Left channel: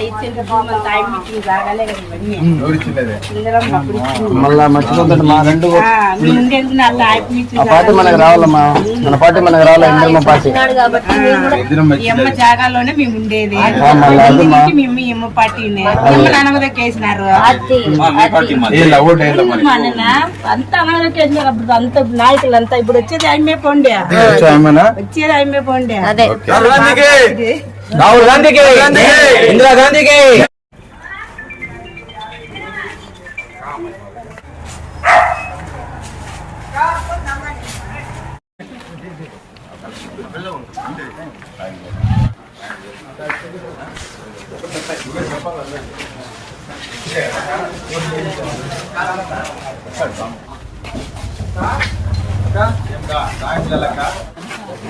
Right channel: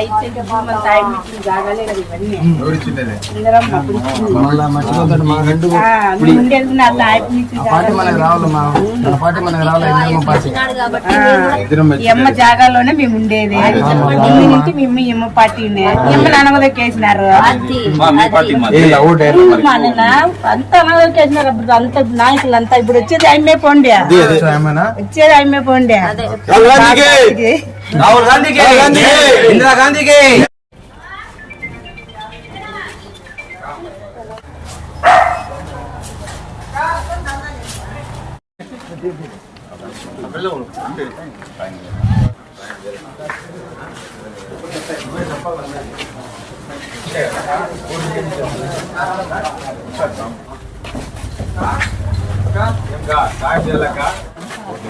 ఇచ్చింటే meeting కాగాలే కదా ఇవన్నీ ఎమ్మ జాగాలోనే మేము ఉండేది నుంచి మేము ఎమ్మ పార్టీని ఎమ్మని అనగదొక్కేసినారు అంత అనగదొక్కేసినారు అప్పుడు అంత నాయకులు అంతా ఇప్పుడు వచ్చేది ఆయమే పోండి వచ్చేది ఆయమే పోండి రాహుల్ గాంధీకి ఇందిరా గాంధీకి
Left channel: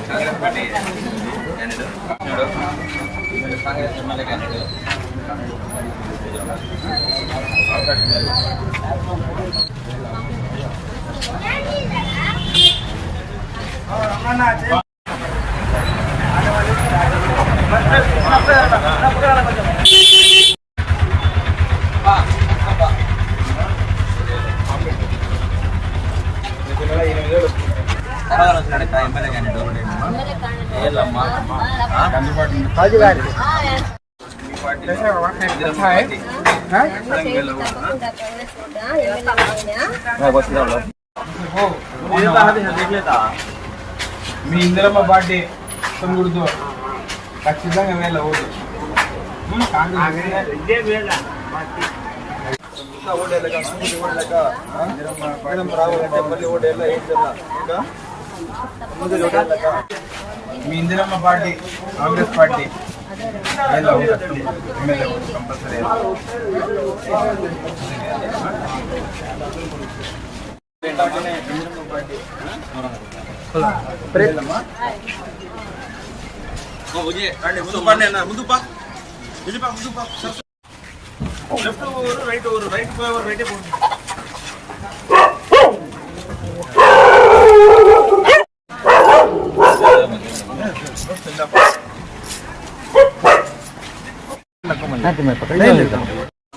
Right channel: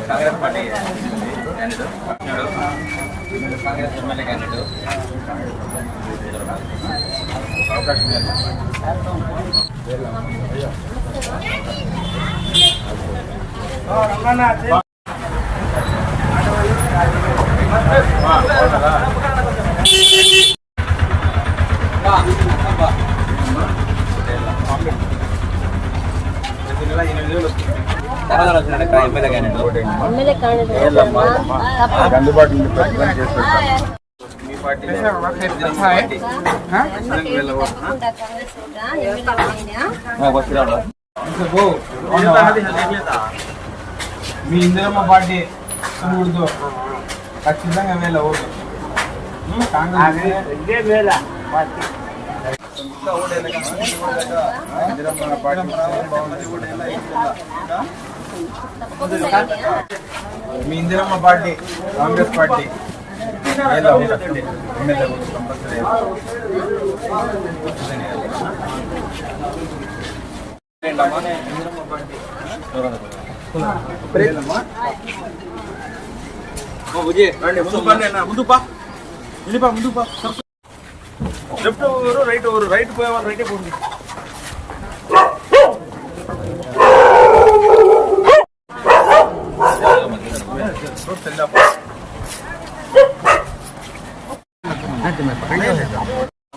Congress party Congress MLA candidate అవకాశం ఎమ్మెల్యే మీ ఇందిరమ్మ పార్టీ గుర్తు ఖచ్చితంగా వేళ ఓటు మీ Indiramma party Congress party MLA vote compulsory ముందు పా ముందు పా లెఫ్ట్ ఎవరు రైట్ ఎవరు రైట్ పోయేవారు రైటే పోయింది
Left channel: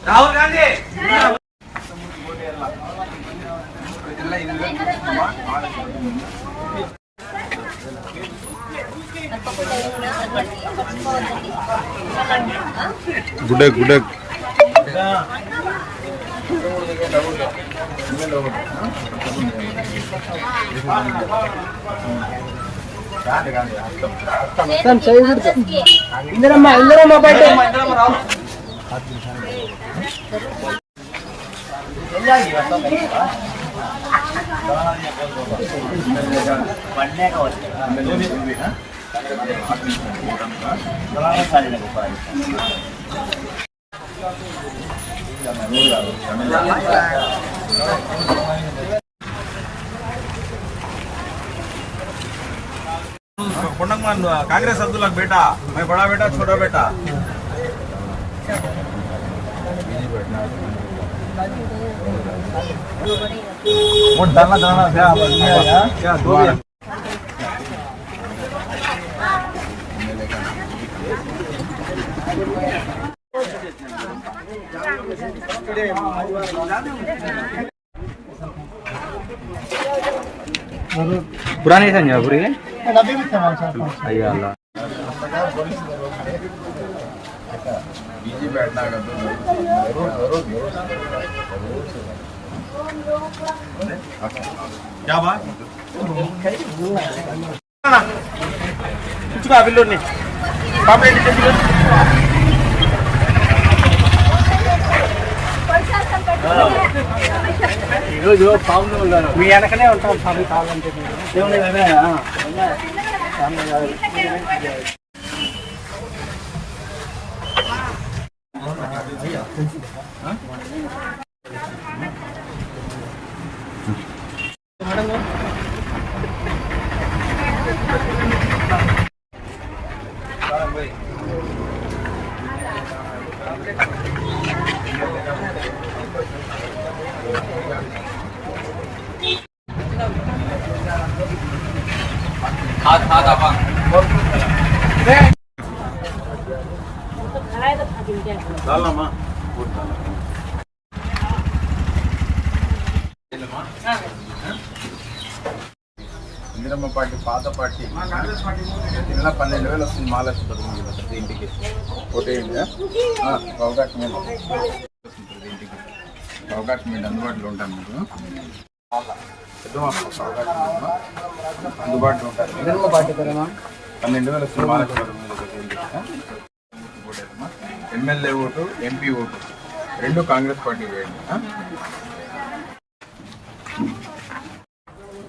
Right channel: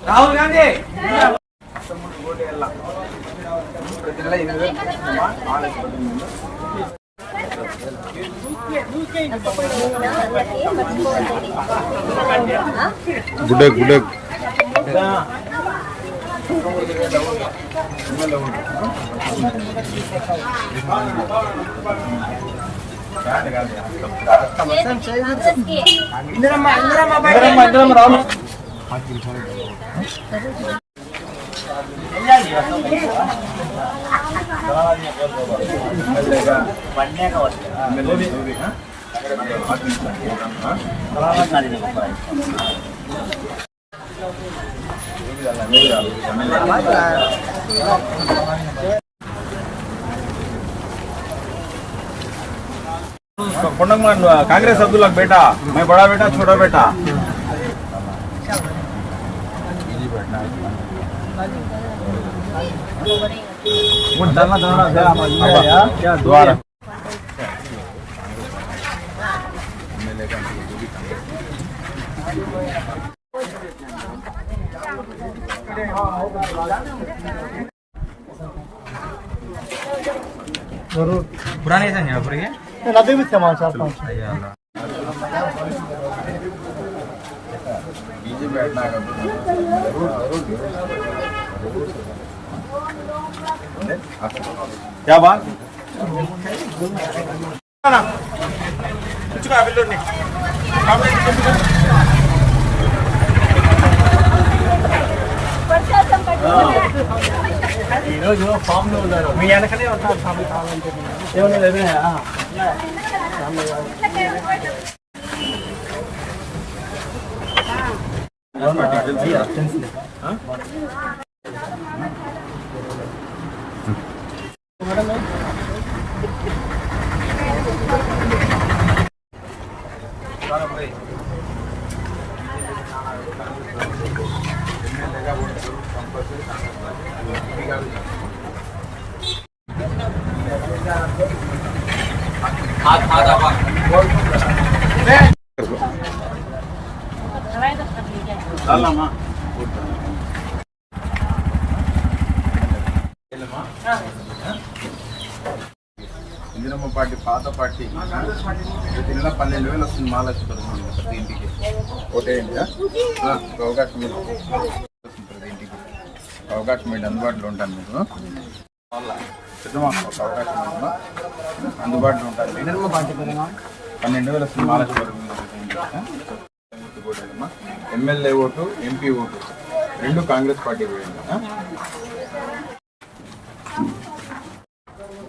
రాహుల్ గాంధీ గుడ్ గుడ్ कांग्रेस अब्दुल्ला बेटा मैं बड़ा बेटा छोटा बेटा क्या दो पुरानी संजय पूरी नदी भी सामान चाहता हूँ बीजी बैठना जरूर जरूर जरूर क्या बात ఈరోజు పాము మీ వెనకనే ఉంటారు हाथ చాలమ్మా. ఇందిరమ్మ పార్టీ పాత పార్టీ ప్రతి నెల 12,000 వస్తుంది. మహాలక్ష్మి పథకం ప్రతి ఇంటికి ఓటేయండి. అవకాశం ప్రతి ఇంటికి అవకాశం ఏంటి అందుబాటులో ఉంటాను మీకు పెద్దమా అవకాశం ఉందమ్మా అందుబాటులో ఉంటాను. 12,000 వస్తుంది మహాలక్ష్మి పథకం ప్రతి ఇంటికి ఓటేదమ్మా. ఎమ్మెల్యే ఓటు ఎంపీ ఓటు రెండు కాంగ్రెస్ పార్టీ వేయండి.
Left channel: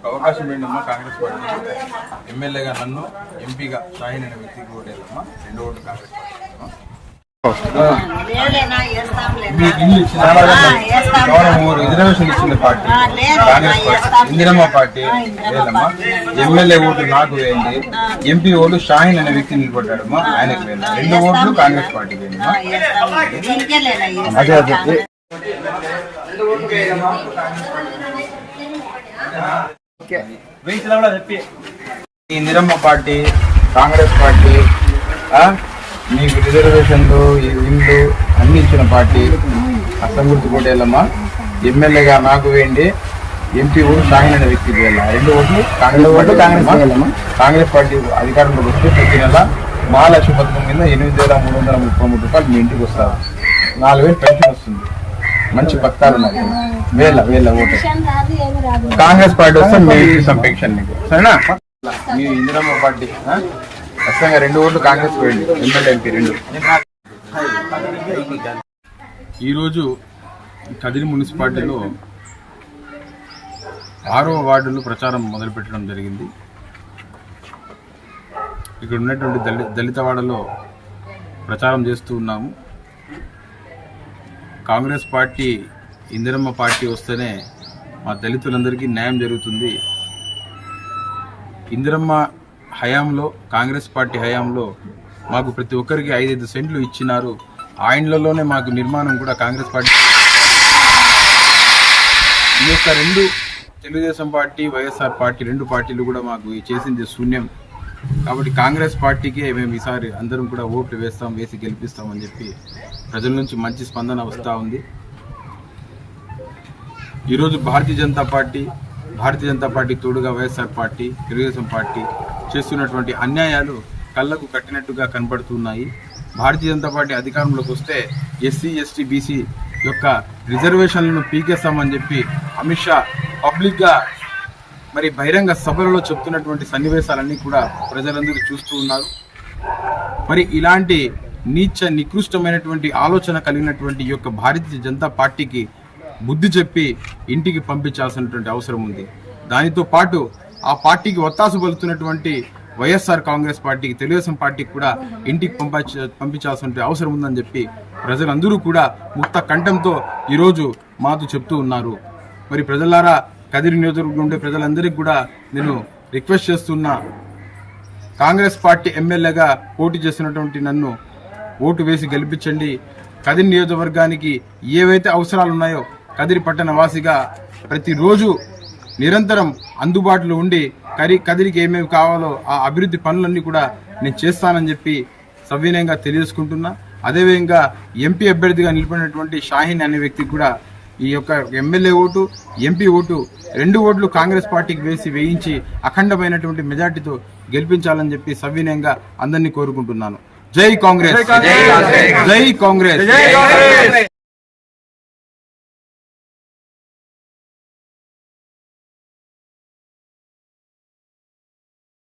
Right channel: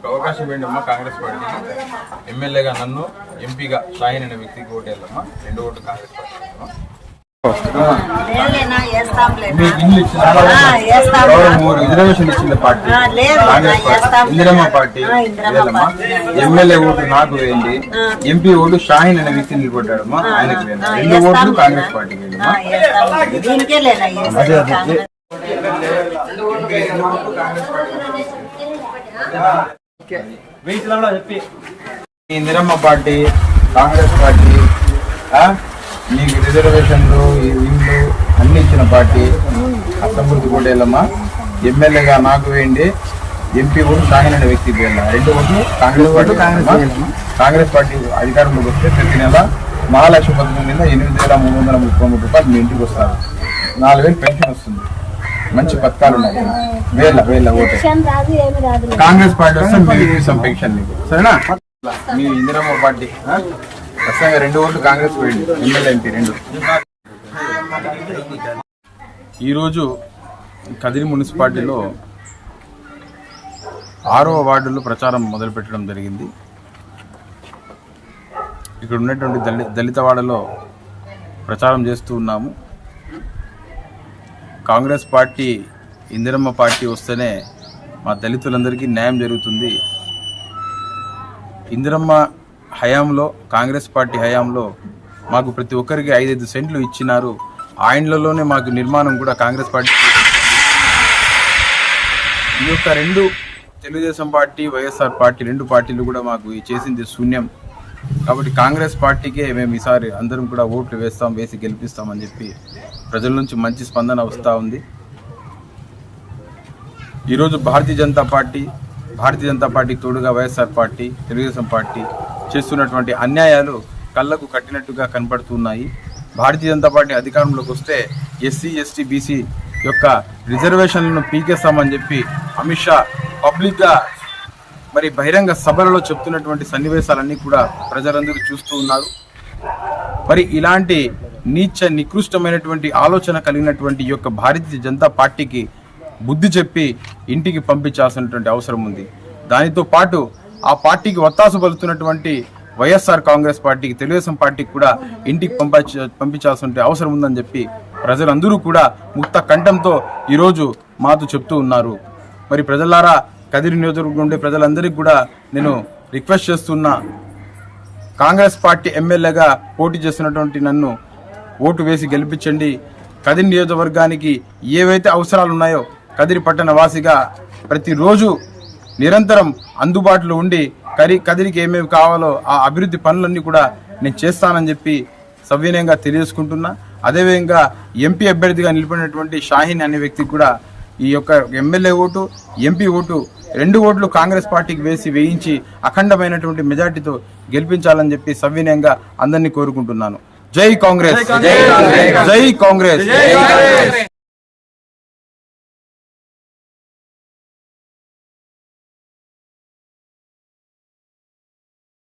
అవకాశం ఏంటమ్మా కాంగ్రెస్ పార్టీ ఎమ్మెల్యేగా నన్ను ఎంపీగా షాహీన్ అనే వ్యక్తికి ఓటేయాలమ్మా. 2 ఓట్లు కాంగ్రెస్ పార్టీ. ఇల్లు ఇచ్చిన రిజర్వేషన్ ఇచ్చిన party Congress party. Indiramma party వేయాలమ్మా. ఎమ్మెల్యే ఓటు నాకు వేయండి. ఎంపీ ఓటు షాహీన్ అనే వ్యక్తి నిలబడ్డాడమ్మా ఆయనకు వేయాలి. 2 ఓట్లు కాంగ్రెస్ పార్టీ వేయమ్మా. అదే అదే ఇందిరమ్మ పార్టీ కాంగ్రెస్ పార్టీ మీకు రిజర్వేషన్లు ఇండ్లు అన్ని ఇచ్చిన పార్టీ అర్థం గుర్తు కోటేళ్ళమ్మా. ఎమ్మెల్యేగా నాకు వేయండి. ఎంపీ ఓటు షాహీన్ అనే వ్యక్తికి వేయాలి. 2 ఓట్లు కాంగ్రెస్ పార్టీ. కాంగ్రెస్ పార్టీ అధికారంలోకి వస్తే ప్రతి నెల మహాలక్ష్మి పథకం కింద 8,333 రూపాయలు మీ ఇంటికి వస్తారు. 4,000 పెన్షన్ వస్తుంది. మంచి పథకాలు ఉన్నాయి. వేళ ఓటే కాంగ్రెస్ పార్టీ వస్తే మీకు పెన్షన్ నీకు సరేనా. మీ ఇందిరమ్మ పార్టీ ఖచ్చితంగా 2 ఓట్లు కాంగ్రెస్ పోయింది. MLA MP 2. ఈరోజు కదిరి మున్సిపాలిటీలో 6వ వార్డులో ప్రచారం మొదలుపెట్టడం జరిగింది. ఇక్కడ ఉన్నటువంటి దళితవాడలో ప్రచారం చేస్తూ ఉన్నాము. కాంగ్రెస్ పార్టీ ఇందిరమ్మ పార్టీ వస్తేనే మా దళితులందరికీ న్యాయం జరుగుతుంది. ఇందిరమ్మ హయాంలో కాంగ్రెస్ పార్టీ హయాంలో మాకు ప్రతి ఒక్కరికి 5 సెంట్లు ఇచ్చినారు. ఆ ఇండ్లలోనే మాకు నిర్మాణం కూడా కాంగ్రెస్ పార్టీ. ఈ యొక్క 2 తెలుగుదేశం పార్టీ వైఎస్ఆర్ పార్టీ 2 పార్టీలు కూడా మాకు చేసింది శూన్యం. కాబట్టి కాంగ్రెస్ పార్టీకే మేము ఈసారి అందరం కూడా ఓట్లు వేసి గెలిపిస్తామని చెప్పి ప్రజల నుంచి మంచి స్పందన వస్తూ ఉంది. ఈరోజు భారతీయ జనతా పార్టీకి తోడుగా వైఎస్ఆర్ పార్టీ తెలుగుదేశం పార్టీ చేస్తున్నటువంటి అన్యాయాలు కళ్లకు కట్టినట్టుగా కనబడుతున్నాయి. భారతీయ జనతా పార్టీ అధికారంలోకి వస్తే ఎస్సీ ఎస్టీ బీసీ యొక్క రిజర్వేషన్లను పీకేస్తామని చెప్పి అమిత్ షా పబ్లిక్గా మరి బహిరంగ సభలలో చెప్తున్నటువంటి సన్నివేశాలన్నీ కూడా ప్రజలందరూ చూస్తూ ఉన్నారు. మరి ఇలాంటి నికృష్టమైనటువంటి ఆలోచన కలిగినటువంటి ఈ యొక్క భారతీయ జనతా పార్టీకి బుద్ధి చెప్పి ఇంటికి పంపించాల్సినటువంటి అవసరం ఉంది. దానితో పాటు ఆ పార్టీకి ఒత్తాసు పలుతున్నటువంటి వైఎస్ఆర్ కాంగ్రెస్ పార్టీకి తెలుగుదేశం పార్టీకి కూడా ఇంటికి పంపించాల్సిన అవసరం ఉందని చెప్పి ప్రజలందరూ కూడా ముక్త కంఠంతో ఈరోజు మాతో చెప్తూ ఉన్నారు. మరి ప్రజలారా కదిరి నియోజకవర్గం ఉండే ప్రజలందరికీ కూడా నేను రిక్వెస్ట్ చేస్తున్నా. కాంగ్రెస్ పార్టీ ఎమ్మెల్యేగా పోటీ చేస్తున్నటువంటి నన్ను ఓటు వేసి గెలిపించండి. కదిరి నియోజకవర్గానికి ఏవైతే అవసరాలు ఉన్నాయో కదిరి పట్టణ వాసిగా ప్రతిరోజు నిరంతరం అందుబాటులో ఉండి కదిరికి ఏమేమి కావాలో ఆ అభివృద్ధి పనులన్నీ కూడా నేను చేస్తానని చెప్పి సవినయంగా తెలియజేసుకుంటున్నా. అదేవిధంగా ఎంపీ అభ్యర్థిగా నిలిపినటువంటి షాహీన్ అనే వ్యక్తికి కూడా ఈ యొక్క ఎమ్మెల్యే ఓటు ఎంపీ ఓటు 2 ఓట్లు కాంగ్రెస్ పార్టీకి వేయించి అఖండమైనటువంటి మెజార్టీతో గెలిపించాలని చెప్పి సవినయంగా అందరినీ కోరుకుంటున్నాను. జై కాంగ్రెస్, జై కాంగ్రెస్.